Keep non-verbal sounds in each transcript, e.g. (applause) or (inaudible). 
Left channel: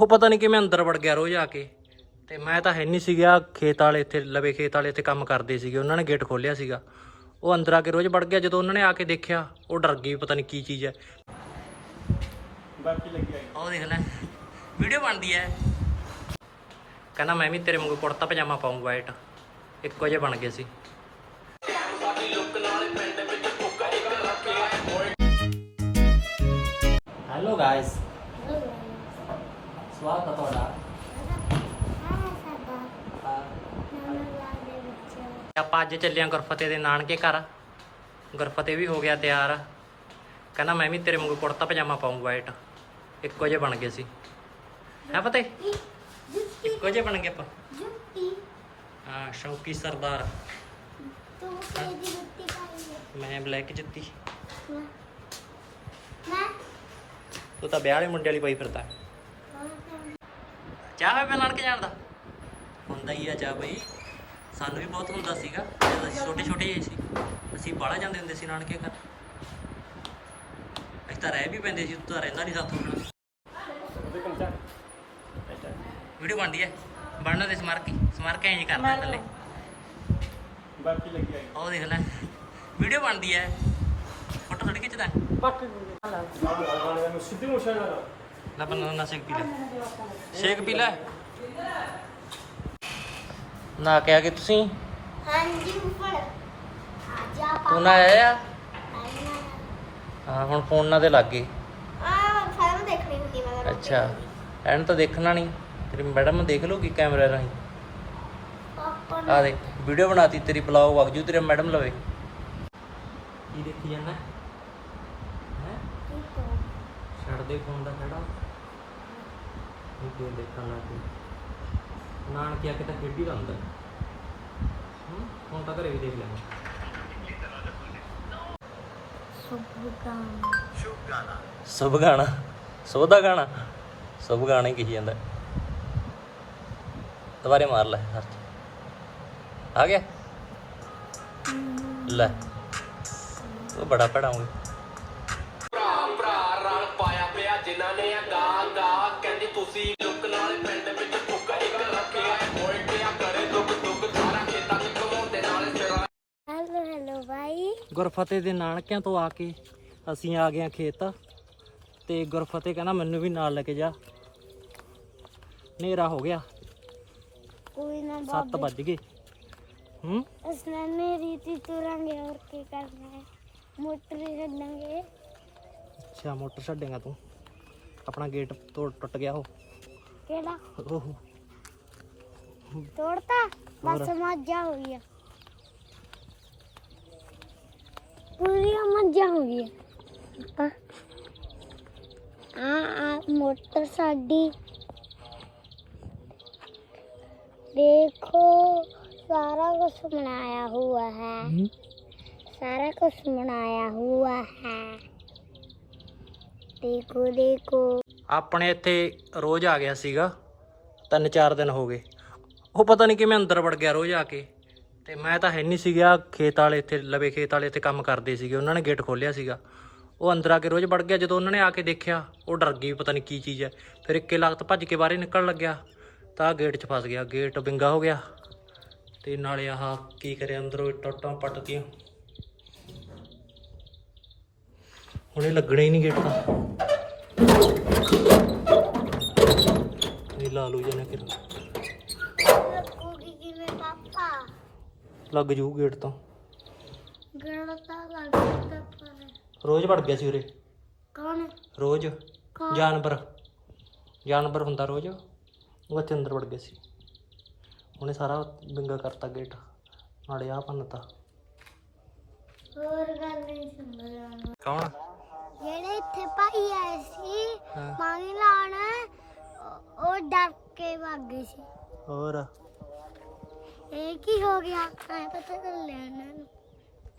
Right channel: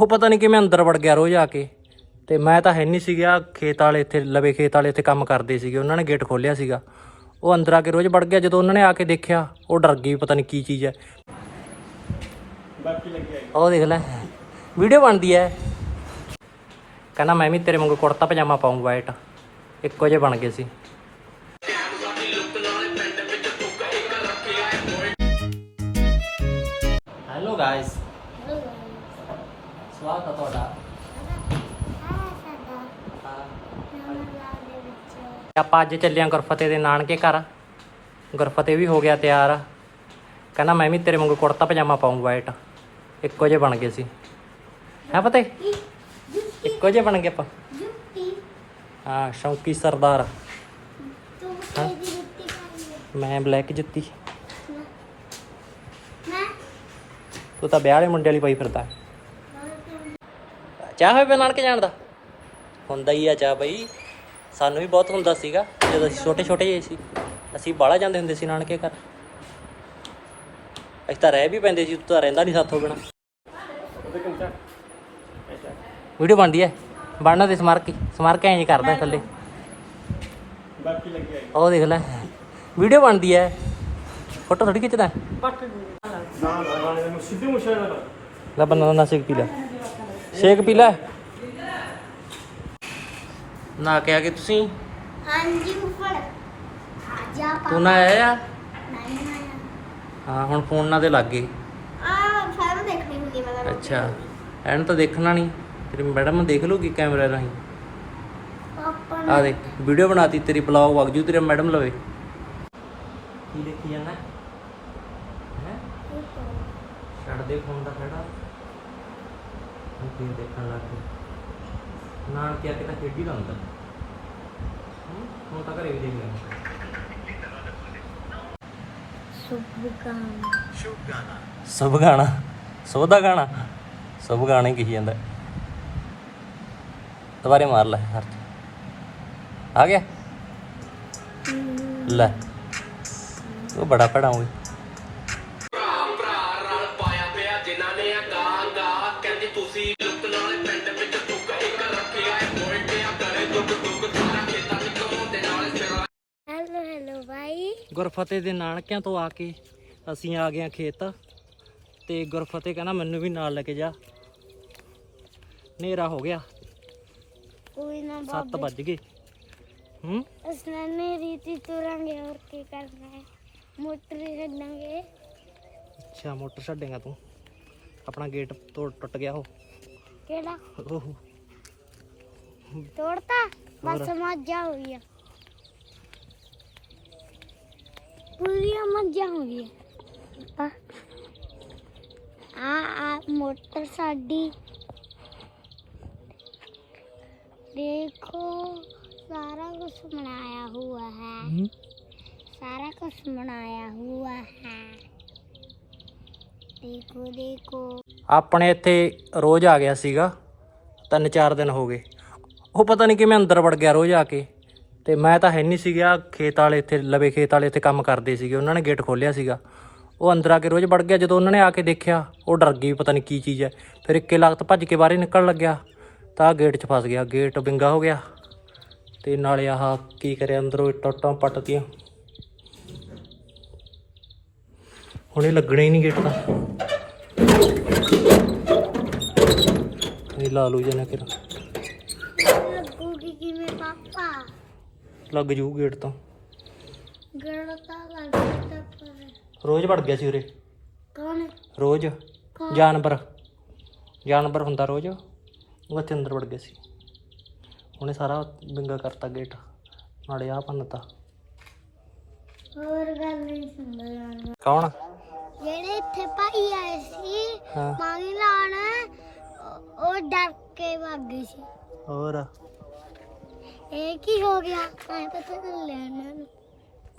ਉਹ ਪਤਾ ਨਹੀਂ ਕਿਵੇਂ ਅੰਦਰ ਵੜ ਗਿਆ ਰੋਜ਼ ਆ ਕੇ। ਤੇ ਮੈਂ ਤਾਂ ਹੈ ਨਹੀਂ ਸੀਗਾ, ਖੇਤ ਵਾਲੇ ਇੱਥੇ, ਲਵੇ ਖੇਤ ਵਾਲੇ ਇੱਥੇ ਕੰਮ ਕਰਦੇ ਸੀਗੇ। ਉਹਨਾਂ ਨੇ ਗੇਟ ਖੋਲ੍ਹਿਆ ਸੀਗਾ। ਉਹ ਅੰਦਰ ਆ ਕੇ ਰੋਜ਼ ਵੜ ਗਿਆ। ਜਦੋਂ ਉਹਨਾਂ ਨੇ ਆ ਕੇ ਦੇਖਿਆ, ਉਹ ਡਰ ਗਈ ਪਤਾ ਨਹੀਂ ਕੀ ਚੀਜ਼ ਹੈ। ਬਾਕੀ ਲੱਗਿਆ ਉਹ ਦੇਖ ਲੈ, ਵੀਡੀਓ ਬਣਦੀ ਹੈ। ਕਹਿੰਦਾ, ਮੈਂ ਵੀ ਤੇਰੇ ਵਾਂਗੂ ਕੁੜਤਾ ਪਜਾਮਾ ਪਾਉਂ ਵਾਈਟ ਇੱਕੋ ਜਿਹੇ ਬਣ ਗਏ ਸੀ। ਹੈਲੋ ਗਾਇਸ ਸਵਾਗਤ ਹੈ ਤੁਹਾਡਾ। ਆਪਾਂ ਅੱਜ ਚੱਲੇ ਆਂ ਗੁਰਫਤਿਹ ਦੇ ਨਾਨਕੇ ਘਰ। ਗੁਰਫਤਿਹ ਵੀ ਹੋ ਗਿਆ ਤਿਆਰ। ਕਹਿੰਦਾ ਮੈਂ ਵੀ ਤੇਰੇ ਵਾਂਗੂ ਕੁੜਤਾ ਪਜਾਮਾ ਪਾਉਂ ਵਾਈਟ ਇੱਕੋ ਜਿਹੇ ਬਣ ਗਏ ਸੀ। ਹੈ ਪਤੇ ਇੱਕੋ ਜਿਹੇ ਬਣ ਗਏ ਆਪਾਂ। ਹਾਂ ਸ਼ੌਂਕੀ ਸਰਦਾਰ। ਮੈਂ ਬਲੈਕ ਜੁੱਤੀ। ਤੂੰ ਤਾਂ ਵਿਆਹ ਵਾਲੇ ਮੁੰਡੇ ਵਾਲੀ ਪਾਈ ਫਿਰਦਾ। ਚਾਹ ਹੋਵੇ ਨਾਨਕੇ ਜਾਣ ਦਾ? ਹੁੰਦਾ ਹੀ ਆ ਚਾਹ ਬਈ। ਸਾਨੂੰ ਵੀ ਬਹੁਤ ਹੁੰਦਾ ਸੀਗਾ ਜਦੋਂ ਅਸੀਂ ਛੋਟੇ ਛੋਟੇ ਜਿਹੇ ਸੀ। ਅਸੀਂ ਬਾਹਲਾ ਜਾਂਦੇ ਹੁੰਦੇ ਸੀ ਨਾਨਕੇ ਘਰ। ਅਸੀਂ ਤਾਂ ਰਹਿ ਵੀ ਪੈਂਦੇ ਸੀ ਤੂੰ ਤਾਂ ਰਹਿੰਦਾ ਨਹੀਂ ਸਾਥੋਂ ਬਿਨਾ। ਵੀਡੀਓ ਬਣਦੀ ਹੈ ਬਣਨਾ ਤੇ ਸਮਾਰਕ ਹੀ ਸਮਾਰਕ ਐਂ ਜੀ ਕਰਦਾ ਥੱਲੇ। ਬਾਕੀ ਲੱਗਿਆ ਉਹ ਦੇਖ ਲੈ। ਵੀਡੀਓ ਬਣਦੀ ਹੈ ਫੋਟੋ ਥੋੜੀ ਖਿੱਚਦਾ। ਨਾ ਨਾ ਗਾਣੇ ਨੂੰ ਸਿੱਧੇ ਮੁਸ਼ਾ ਨਾ ਲੈ ਬੰਦਾ ਨਾ ਸ਼ੇਕ ਪੀ ਲੈ। ਸ਼ੇਕ ਪੀ ਲੈ। ਨਾ ਕਿਹਾ ਕਿ ਤੁਸੀਂ? ਹਾਂਜੀ ਉੱਪਰ ਆਜਾ ਪਾ ਤੂੰ ਨਾ ਆਇਆ ਨਹੀਂ ਆਇਆ। ਹਾਂ ਹੁਣ ਫੋਨ ਨਾਲ ਦੇ ਲੱਗ ਗਏ ਆ ਸਾਰਾ ਦੇਖਣੀ ਹੁੰਦੀ ਮੈਂ ਤਾਂ ਅੱਛਾ। ਐਨ ਤਾਂ ਦੇਖਣਾ ਨਹੀਂ। ਤੇਰੀ ਮੈਡਮ ਦੇਖ ਲੂਗੀ ਕੈਮਰੇ ਰਾਹੀਂ। ਆ ਦੇਖ ਵੀਡੀਓ ਬਣਾਤੀ ਤੇਰੀ ਬਲੌਗ ਵਗ ਜੂ ਤੇਰੇ ਮੈਡਮ ਲਵੇ। ਕੀ ਦੇਖੀ ਜਾਂਦਾ? ਹੈ? ਛੱਡ ਦੇ ਫੋਨ ਦਾ ਖੜਾ। ਹੁਣ ਕੀ ਦੇਖਣ ਲੱਗ ਗਏ। ਨਾਨ ਕੀ ਆ ਕੇ ਤਾਂ ਖੇਡੀ ਦਾ ਹੁੰਦਾ। ਹੂੰ? ਹੁਣ ਤਾਂ ਘਰੇ ਵੀ ਦੇਖ ਲੈਣਾ ਸੁਬਗਾਨ ਸਭ ਗਾਣਾ। ਸੋ ਦਾ ਗਾਣਾ। ਸਭ ਗਾਣਾ ਹੀ ਕਹੀ ਜਾਂਦਾ। ਦੁਬਾਰੇ ਮਾਰ ਲੈ ਹਰ ਆ ਗਿਆ? ਲੈ। ਉਹ ਬੜਾ ਪੜਾ ਗੁਰਫਤਿਹ ਦੇ ਨਾਨਕਿਆਂ ਤੋਂ ਆ ਕੇ ਅਸੀਂ ਆ ਗਏ ਖੇਤ। ਤੇ ਗੁਰਫਤਿਹ ਕਹਿੰਦਾ ਮੈਨੂੰ ਵੀ ਨਾਲ ਲੈ ਕੇ ਜਾ। ਹਨੇਰਾ ਹੋ ਗਿਆ। ਕੋਈ ਨਾ 7 ਬਾਬੇ ਵੱਜ ਗਏ। ਹੂੰ? ਅਸਨੇ ਰੀਤੀ ਤੁਰਾਂਗੇ ਹੋਰ ਕੀ ਕਰਨਾ ਹੈ? ਮੋਟਰ ਛੱਡਾਂਗੇ। ਅੱਛਾ ਮੋਟਰ ਛੱਡੇਗਾ ਤੂੰ। ਆਪਣਾ ਗੇਟ ਤੋੜ ਟੁੱਟ ਗਿਆ ਉਹ। ਕਿਹੜਾ? ਤੋੜਤਾ? ਬਸ। ਮੱਝਾਂ ਹੋ ਗਈਆਂ ਪੂਰੀਆਂ ਮੱਝਾਂ ਹੋ ਗਈਆਂ ਆ ਆ ਮੋਟਰ ਸਾਡੀ ਦੇਖੋ ਸਾਰਾ ਕੁਝ ਬਣਾਇਆ हुआ है ਹੂੰ। सारा कुछ बनाया हुआ है देखो देखो ਆਪਣੇ ਇੱਥੇ ਰੋਜ਼ ਆ ਗਿਆ ਸੀਗਾ ਤਿੰਨ ਚਾਰ ਦਿਨ ਹੋ ਗਏ ਉਹ ਪਤਾ ਨਹੀਂ ਕਿਵੇਂ ਅੰਦਰ ਵੜ ਗਿਆ ਰੋਜ਼ ਆ ਕੇ ਤੇ ਮੈਂ ਤਾਂ ਹੈ ਨਹੀਂ ਸੀਗਾ, ਖੇਤ ਵਾਲੇ ਇੱਥੇ, ਲਵੇ ਖੇਤ ਵਾਲੇ ਇੱਥੇ ਕੰਮ ਕਰਦੇ ਸੀਗੇ, ਉਹਨਾਂ ਨੇ ਗੇਟ ਖੋਲ੍ਹਿਆ ਸੀਗਾ। ਉਹ ਅੰਦਰ ਆ ਕੇ ਰੋਜ਼ ਵੜ ਗਿਆ, ਜਦੋਂ ਉਹਨਾਂ ਨੇ ਆ ਕੇ ਦੇਖਿਆ, ਉਹ ਡਰ ਗਈ ਪਤਾ ਨਹੀਂ ਕੀ ਚੀਜ਼ ਹੈ। ਫਿਰ ਇੱਕੇ ਲਗਤ ਭੱਜ ਕੇ ਬਾਹਰ ਨਿਕਲਣ ਲੱਗਿਆ। ਤਾਂ ਗੇਟ 'ਚ ਫਸ ਗਿਆ ਗੇਟ ਵਿੰਗਾ ਹੋ ਗਿਆ। ਤੇ ਨਾਲੇ ਆਹ ਕੀ ਕਰਿਆ ਅੰਦਰੋਂ ਟੁੱਟਾਂ ਪੱਟਤੀਆਂ। ਹੁਣ ਇਹ ਲੱਗਣਾ ਹੀ ਨਹੀਂ ਗੇਟ ਤਾਂ। ਇਹ ਲਾ ਲੂ ਜਨਾ ਕਿਰਾ ਲੱਗ ਜੂ ਗੇਟ ਤਾਂ। ਗੇੜਾ ਤਾਂ ਲੱਗ ਗਿਆ ਪਰ ਰੋਜ਼ ਵੜ ਗਿਆ ਸੀ ਉਰੇ। ਕੌਣ? ਰੋਜ਼। ਕੌਣ? ਜਾਨਵਰ। ਜਾਨਵਰ ਹੁੰਦਾ ਰੋਜ਼। ਉਹ ਇੱਥੇ ਅੰਦਰ ਵੜ ਗਿਆ ਸੀ। ਉਹਨੇ ਸਾਰਾ ਵਿੰਗਾ ਕਰਤਾ ਗੇਟ। ਨਾਲੇ ਆ ਪੰਨਤਾ ਹੋਰ ਗੱਲ ਨਹੀਂ ਸੁਣਦਾ ਕੌਣ? ਜਿਹੜੇ ਇੱਥੇ ਭਾਈ ਆਏ ਸੀ ਹਾਂ। ਪਾਣੀ ਲਾਣ ਉਹ- ਉਹ ਡਰ ਕੇ ਭੱਗ ਗਏ ਸੀ। ਹੋਰ? ਇਹ ਕੀ ਹੋ ਗਿਆ? ਐ ਪਤਾ ਚੱਲਿਆ ਇਹਨਾਂ ਨੂੰ।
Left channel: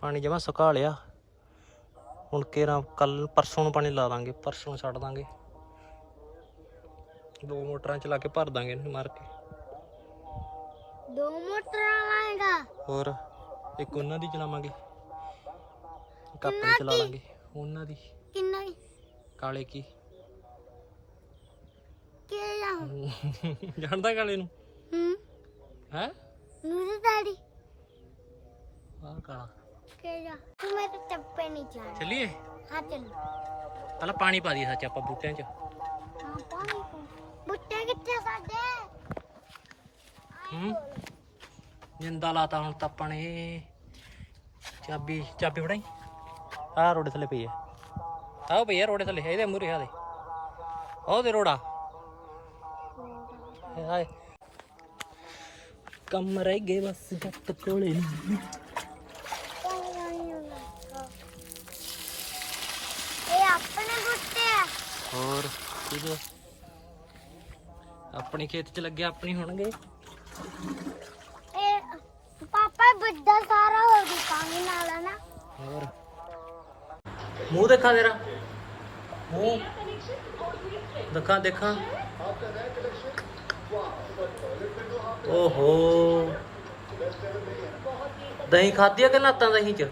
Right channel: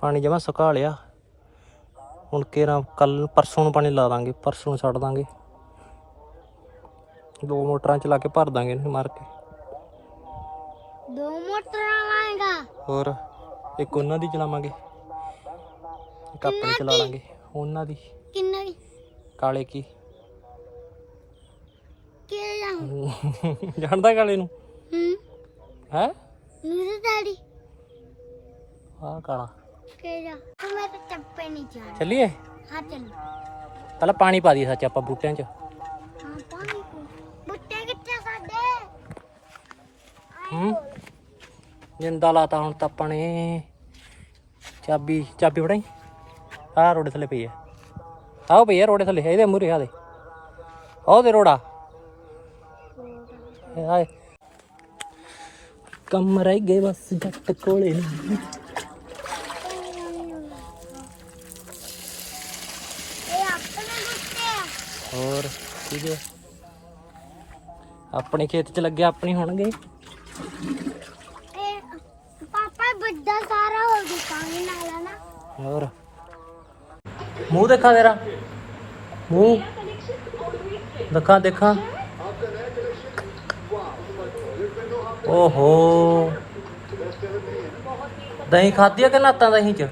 ਪਾਣੀ ਜਮਾ ਸੁਕਾ ਲਿਆ। ਹੁਣ ਕੇਰਾ ਕੱਲ ਪਰਸੋਂ ਨੂੰ ਪਾਣੀ ਲਾ ਦਾਂਗੇ ਪਰਸੋਂ ਨੂੰ ਛੱਡ ਦਾਂਗੇ। ਦੋ ਮੋਟਰਾਂ ਚਲਾ ਕੇ ਭਰ ਦਾਂਗੇ ਇਹਨੂੰ ਮਾਰ ਕੇ। ਦੋ ਮੋਟਰਾਂ ਲਾਏਗਾ? ਹੋਰ ਇੱਕ ਉਹਨਾਂ ਦੀ ਚਲਾਵਾਂਗੇ ਇੱਕ ਆਪਣੀ ਚਲਾ ਲਾਂਗੇ ਉਹਨਾਂ ਦੀ। ਕਿੰਨਾ ਕਾਲੇ ਕੀ? ਕਿਹੜਾ? ਜਾਣਦਾ ਕਾਲੇ ਨੂੰ? ਹੈ? ਮੇਰੇ ਡੈਡੀ ਆ ਕਾਲਾ। ਕਿਹੜਾ? ਤੂੰ ਮੇਰੇ ਚੱਪੇ ਨਹੀਂ ਜਾਣਾ ਚੱਲੀਏ? ਹਾਂ ਚੱਲ। ਪਹਿਲਾਂ ਪਾਣੀ ਪਾ ਦਈਏ ਸੱਚ ਆਪਾਂ ਬੂਟਿਆਂ 'ਚ। ਹਾਂ ਪਾਣੀ ਬੁੱਟੇ ਕਿੱਥੇ ਸਾਡੇ? ਹੂੰ? ਜਿੰਦਾ ਲਾਤਾ ਹੁਣ ਤਾਂ ਆਪਾਂ ਨੇ। ਚਾਬੀ ਚਾਬੀ ਫੜਾਈ? ਆਹ ਰੋੜੇ ਥੱਲੇ ਪਈ ਹੈ ਆਹ ਪਈ ਰੋੜੇ ਥੱਲੇ ਇਹਦੇ ਮੂਰੇ ਆ ਦੇ। ਆਹ ਦੇ ਰੋੜਾ। ਇਹ ਆਏ ਕੰਮ ਰਹਿ ਗਏ ਬਸ ਜੱਟ ਕੋਲੇ ਨੂੰ। ਇਹ ਆਪਣੇ ਬੁੱਟੇ ਆ। ਹੋਰ ਠੀਕ ਆਪਣੇ ਖੇਤ 'ਚ ਲੱਗੇ ਆਪਣੀ ਹੋਣਗੇ? ਇਹ ਪਾਪਾ ਵੱਡਾ ਸਾਰਾ ਹੋ ਗਈ ਕੰਮ ਨਾਲ ਨਾ। ਹੋਰ? ਮੂੰਹ ਦੇਖਾਂ ਤੇਰਾ। ਮੂੰਹ। ਦੇਖਾਂ ਦੇਖਾਂ। ਓਹੋ। ਦਹੀਂ ਖਾਧੀ ਆ ਕਿ ਨਾਤਾਂ ਦਹੀਂ ਚ?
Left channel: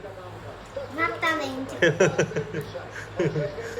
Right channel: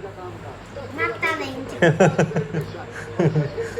ਨਾਤਾ ਨਹੀਂ (laughs)